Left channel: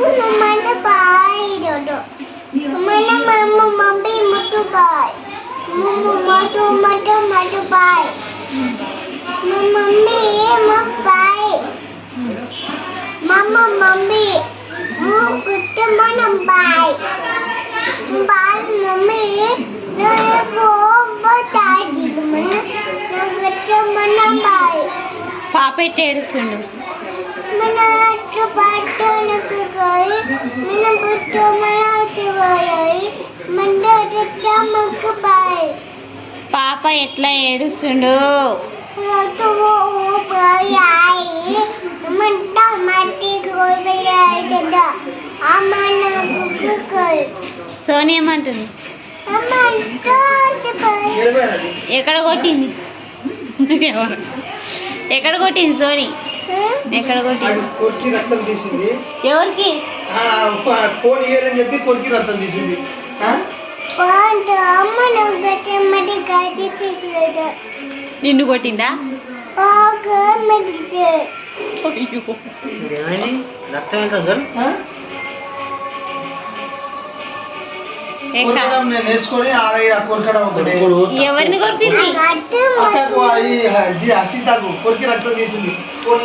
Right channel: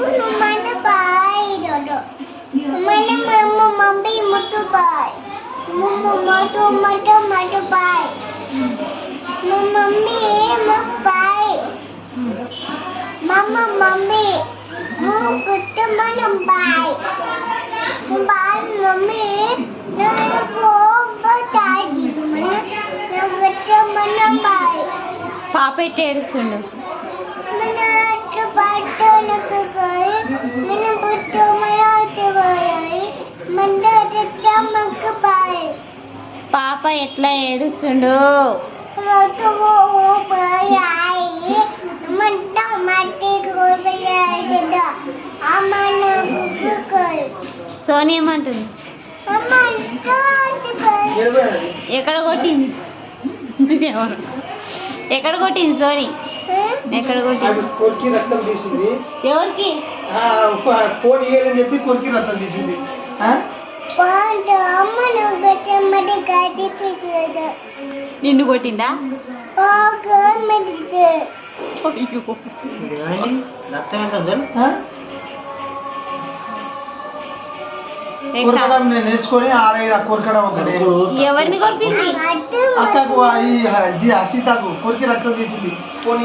mana baik dodo. Mana mama mami mutu baik. Mama mutu mutu baik. Mami mau baik. Mama mami mau kita mana baik. Baik mami nak bertanya mana nak kita mana baik. పాప ఎట్లా ఏడుస్తుండు mana cepat nak kau. Mana betul mana cepat. Mana kita mau baik. పాప ఎట్లా ఏడుస్తుండు Waktu mau baik. Mana mati kau tidak. Amana buku kau. Soni ఏమంటుంది Amana cepat. ఎక్కడ కొట్టింది ఎవరు ఎక్కడ కొట్టింది సోని ఎక్కడ కొట్టింది కొరికి రక్తం తీసింది ఎవరికి ఫోన్ ఇయ్యాలని చెప్పి కొరికి రక్తం తీసింది Pantu amana betul mati kau tidak. నిన్ను కొట్టిందా Aku mati. అయ్యో రక్తం ఎంత ఏ కా- కొరకడం నేను వేసుకొని ఆడ కొరకడం ఒకటి ఎవరిని కొట్టింది Ada అసలు ఇది హసీతాకు కొరికి రక్తం తీసింది ఫోన్